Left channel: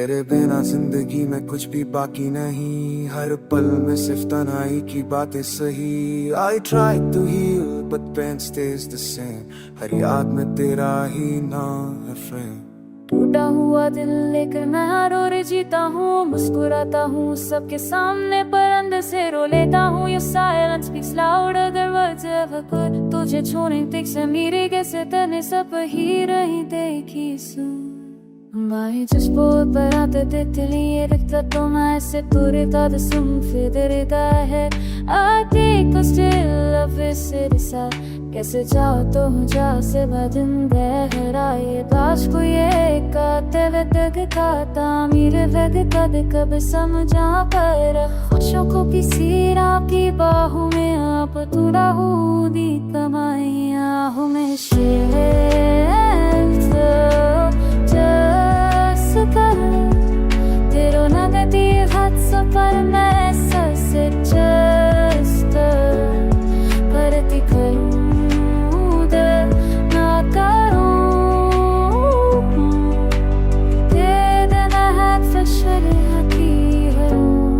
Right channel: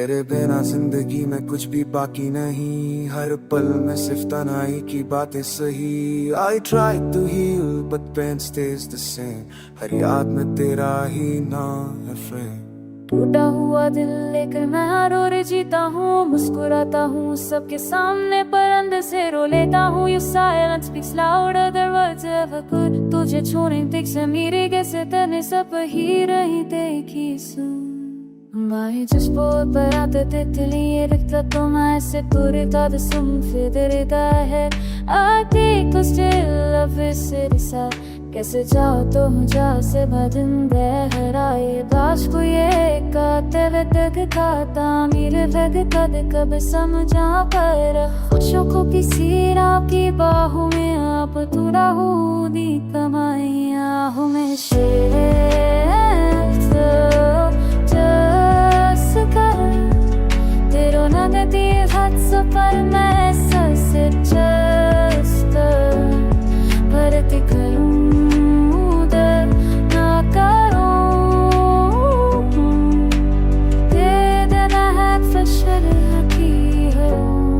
तेरे बिना जिंदगी में कुछ भी बाकी नहीं, हर पल में सिर्फ तन्हाई की बातें सही। I try to heal but pain stays the same, हर याद में तेरा ही नाम है फ्रेम। टूटा हुआ दिल लेकर मैं हर रोज जीता हूँ, मुस्कुराता हूँ सबके सामने पर अंदर से रो लेता हूँ। Your silence speaks louder than words ever could, तुझे छोड़ने तक से मेरे कैसे तने सब ही रही देखी सुन। Mai just पर आते तितली रखता तो मैं ऐसे तुरता the sum फिरता है। I take a still of it साथ कैसे जाओ तो हो जा से बदन गहराए दाश को ये काते वतक खाता मेरे वग कद कब समझा पर खुशों को किसी रात की बाहों में आप तुरा हो दी कमाई आहों में शेर तेरो नगदी हाथ से पर मैं सच परती करूं दर ना करूं तेरे देना है फशर की हूँ।